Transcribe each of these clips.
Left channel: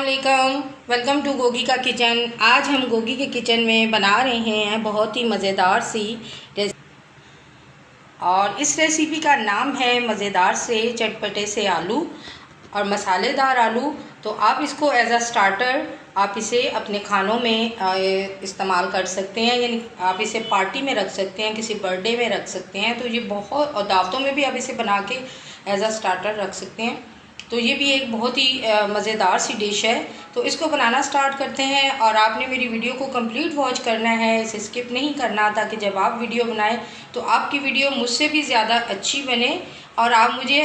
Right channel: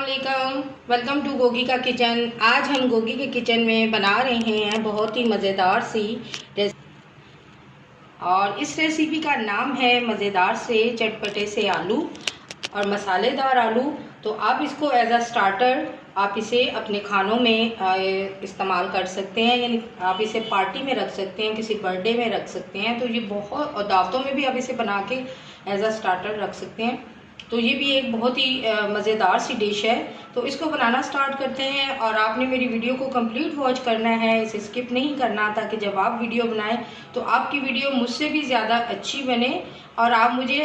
अस्सलाम, welcome to Gogi का kitchen. आज हम गोगी के किचन में बना रहे हैं बहुत ही मज़ेदार सी रेसिपी और इस रेसिपी का नाम है मज़ेदार से चटपटे से आलू और मसालेदार आलू। तो आप इसको एज अ स्टार्टर आप इसे अपने खानों में इस्तेमाल कर सकते हैं, यानी आप इसे पार्टी में रख सकते हैं, किसी बर्थडे में रख सकते हैं। तो ये बहुत, और दावतों में भी आप इसे बना के एज अ स्टार्टर रख सकते हैं। तो ये भी एक बहुत ही मज़ेदार सी डिश है। तो इसको बनाना स्टार्ट करते हैं और आपने मेरी वीडियो को कंप्लीट वॉच करना है, इसे स्किप नहीं करना, ताकि जब आप वीडियो बनाएं तो आपकी वीडियो मुझसे भी ज़्यादा अच्छी बने। और आप मुझे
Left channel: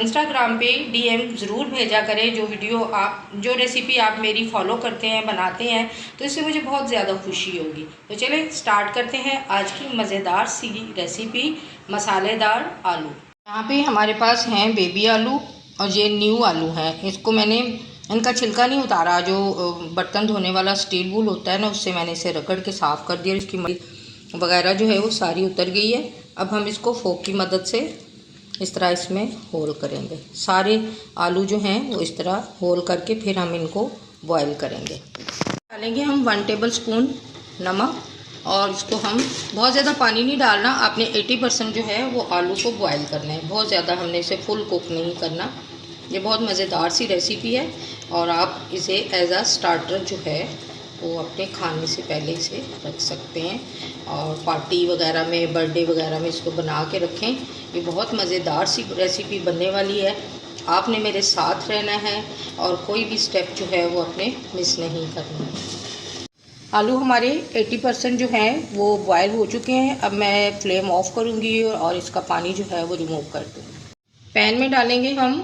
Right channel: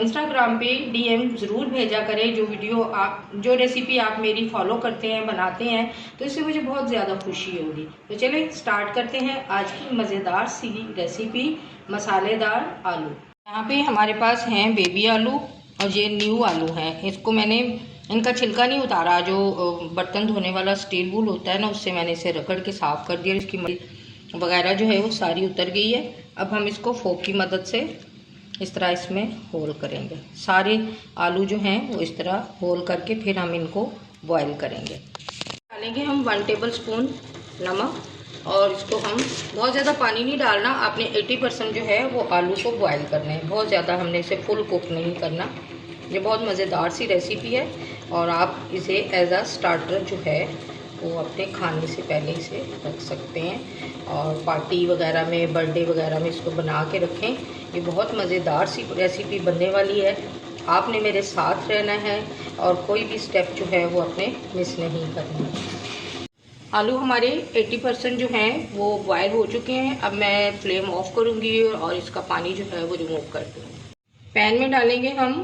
इंस्टाग्राम पे डीएम ज़रूर भेजा करें जो रेसिपी आप मेरी फॉलो करते हैं, बनाते हैं, तो इससे मुझे बहुत ज़्यादा खुशी होगी। तो चलिए स्टार्ट करते हैं आज की मज़ेदार सी रेसिपी मसालेदार आलू। यहाँ पे हमारे पास हैं बेबी आलू और ये न्यू आलू है। इसको मैंने इनका छिलका नहीं उतारा, जो बर्तन धोने वाला स्टील वूल होता है ना, उससे मैंने इसे रगड़ के साफ़ कर दिया। इसकी मरी वगैरह जो है वो सारी उतर गई है। अब हम इसको फोक की मदद से इस तरह इसमें होल करेंगे। सारे आलू जो हैं वो इस तरह होल करके फिर हम इनको बॉयल करेंगे। डालेंगे हम 1 टेबल स्पून नमक और इसको हम बहुत ज़्यादा पानी नहीं डालना। आपने 80% जो है वो आलू को बॉयल करना है, बहुत ज़्यादा हमने इसे फुल कुक नहीं करना। ये बहुत मज़ेदार सी रेसिपी है और आप इसे एज अ स्टार्टर जो है वो अपने खाने से पहले इसे रख सकते हैं और पार्टी वगैरह में, बर्थडे वगैरह में इसको बना के रखें। ये बहुत मज़ेदार सी रेसिपी बनने वाली है। आपने मेरे साथ रहना है और कोई भी स्टेप जो है वो अपने मिस नहीं करना। आलू हमारे 80% जो हैं वो बॉयल हो चुके हैं। अब मैं फ्लेम ऑफ करूँगी और इसका पानी जो है वो रिमूव कर दूँगी। पैन में डालेंगे हम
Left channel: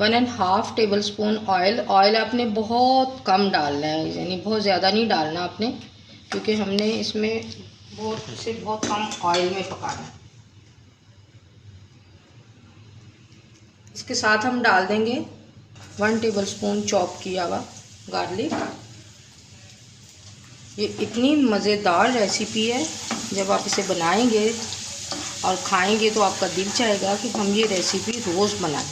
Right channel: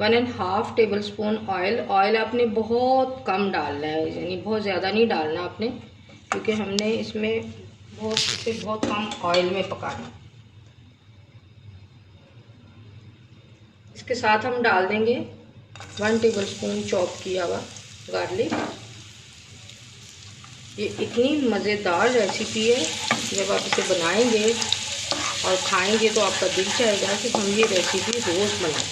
1.5 टेबल स्पून ऑयल। ऑयल आपने बहुत कम डालना है, यानी बहुत ज़्यादा नहीं डालना आपने, क्योंकि हमने इसमें इसे बहुत कम ऑयल में पकाना। इसके साथ हम डाल देंगे 1 टेबल स्पून चॉप किया हुआ गार्लिक। ये इतनी मज़ेदार रेसिपी है, जब आप इसे बनाएंगे और खाएंगे तो आपका दिल चाहेगा कि हम ये रेसिपी रोज़ बनाएं।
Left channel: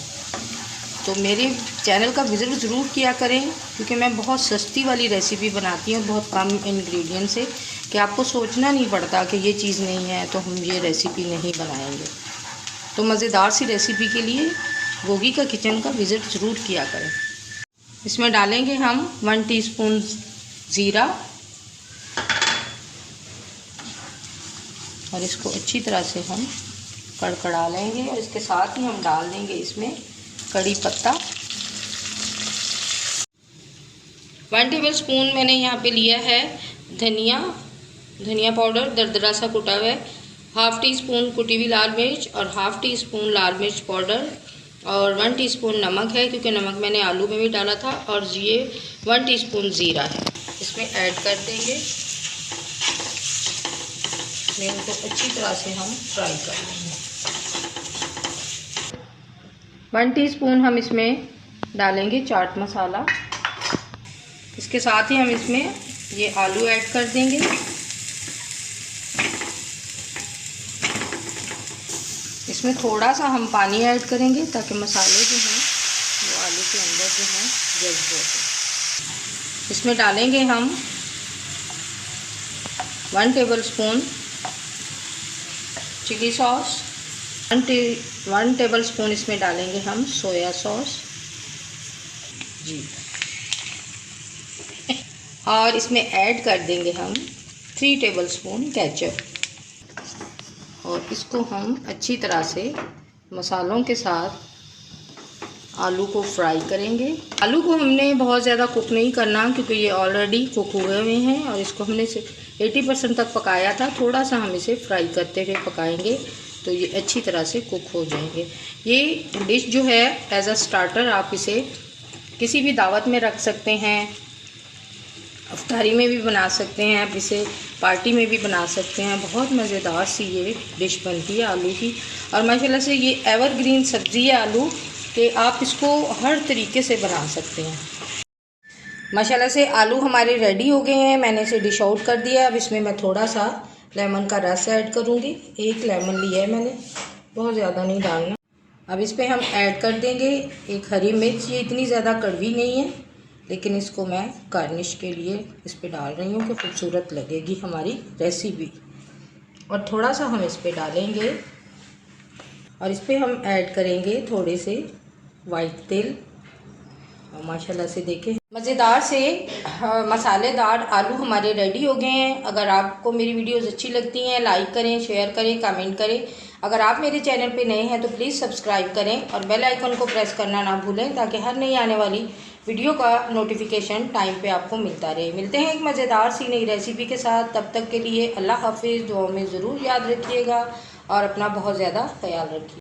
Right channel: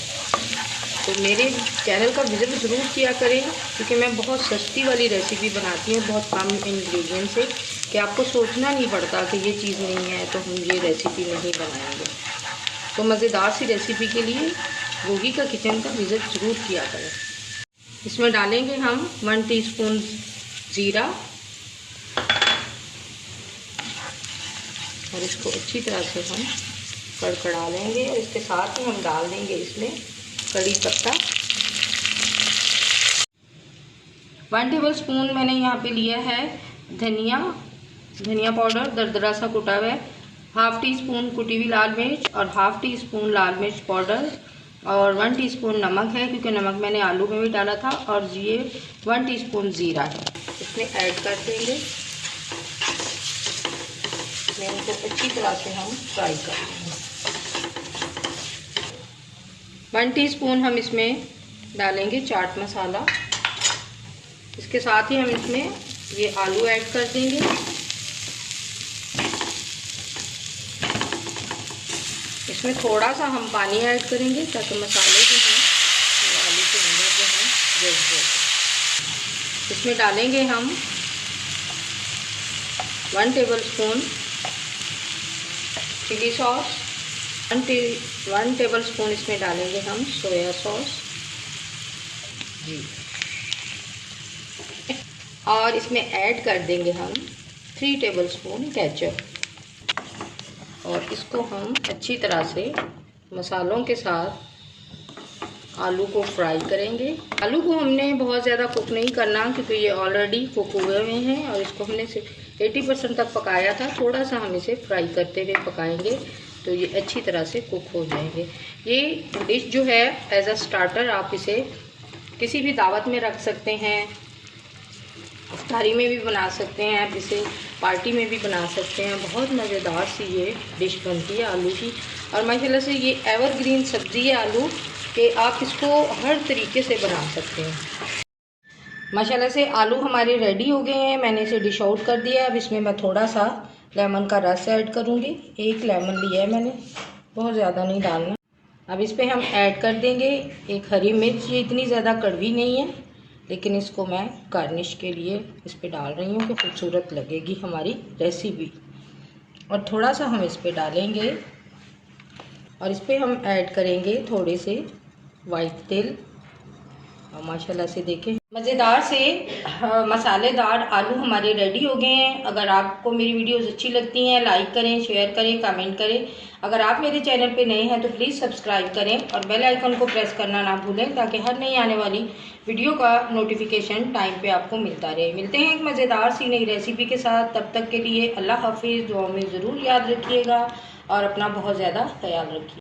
तो मेरे चैनल का विज़िट ज़रूर किया करें, क्योंकि मैं बहुत सस्ती वाली रेसिपी बनाती हूँ, बहुत कम इंग्रेडिएंट से, कि आपको सोचना नहीं पड़ता कि ये चीज़ नहीं है तो हम ये रेसिपी नहीं बनाएंगे। तो मज़ेदार सी रेसिपी के लिए गोगी का किचन का विज़िट ज़रूर किया करें। इसमें डालेंगे हम 1 टीस्पून ज़ीरा और इसको अच्छी तरह से हम कड़कड़ा लेंगे। और इसके साथ ही हम डाल देंगे इसमें कड़ी पत्ता। 1 टेबल स्पून मैंने यहाँ पे लिया है धनिया पाउडर, दरदरा सा कुटा हुआ है। 1/2 टीस्पून कुटी हुई लाल मिर्च और 1/2 टीस्पून लाल मिर्च पाउडर और 1 टीस्पून नमक है, क्योंकि नमक मैंने आलू में भी डाला था। और ये 1 टीस्पून ज़ीरा है, इसमें ऐड कर देंगे। इनको अच्छी तरह से हम फ्राई कर लेंगे। 1 टीस्पून हम इसमें डालेंगे चाट मसाला। इसके साथ ही हम इसमें ये आलू ऐड कर देंगे। इसमें थोड़ा सा हम पानी ऐड करेंगे ताकि मसाले जो हैं वो आलू के अंदर जो हैं जल्द हो। इसमें डालेंगे हम 1 tablespoon chili sauce, 1 tablespoon इसमें डालेंगे हम सोया सॉस जी, और इसमें ऐड कर देंगे हम 3 टेबल स्पून केचप। और इसको हम अच्छी तरह से मसालों के साथ आलू को फ्राई करेंगे। आलू को हमने बहुत ज़्यादा कुक नहीं करना, क्योंकि ये ऑलरेडी कुक हुए हुए हैं और इसको हमने 80% तक पकाया था। थोड़ा सा हम इसे फ्राई करते हुए पकाएंगे तो ये अच्छी तरह से कुक हो जाएंगे। ये डिश जो है एज अ स्टार्टर आप इसे किसी भी दावत में रख सकते हैं, इफ्तारी में भी बना सकते हैं, आप इसे पार्टी में भी बना सकते हैं। बहुत मज़ेदार सी ये डिश बनती है आलू की। और माशाल्लाह से ये एवरग्रीन सब्ज़ी है आलू कि आप इसको हर तरीके से बना सकते हैं। माशाल्लाह से आलू हमारे रेडी हो गए हैं। मैंने इसे डिश आउट कर दिया। अब इसमें मैं थोड़ा सा लेमन का रस ऐड करूँगी। 1 लेमन लिया है मैंने, बहुत ज़्यादा नहीं डालना। अब इस पे हम ऐड कर देंगे एक हरी मिर्च। ये इतनी ज़्यादा कड़वी नहीं है, लेकिन इसको मैं गार्निश के लिए इस पे डाल रही हूँ कि खूबसूरत लगेगी हमारी रेसिपी। और थोड़ा सा हम इस पे डालेंगे और इस पे हम ऐड करेंगे थोड़े से वाइट तिल। और माशाल्लाह से देखें मज़ेदार से मसालेदार आलू हमारे रेडी हो गए हैं। अगर आपको मेरी वीडियोस अच्छी लगती हैं, लाइक करें, शेयर करें, कमेंट करें। अगर आप मेरे चैनल पे नए हैं तो प्लीज़ सब्सक्राइब करें और बेल आइकन को प्रेस करना ना भूलें, ताकि हर नई आने वाली वीडियो का नोटिफिकेशन टाइम पे आपको मिलता रहे। मिलते हैं एक मज़ेदार सी नई रेसिपी के साथ। तब तक के लिए अल्लाह हाफिज़। दुआ में ज़रूर याद रखिएगा और अपना बहुत ज़्यादा ख्याल रखिए।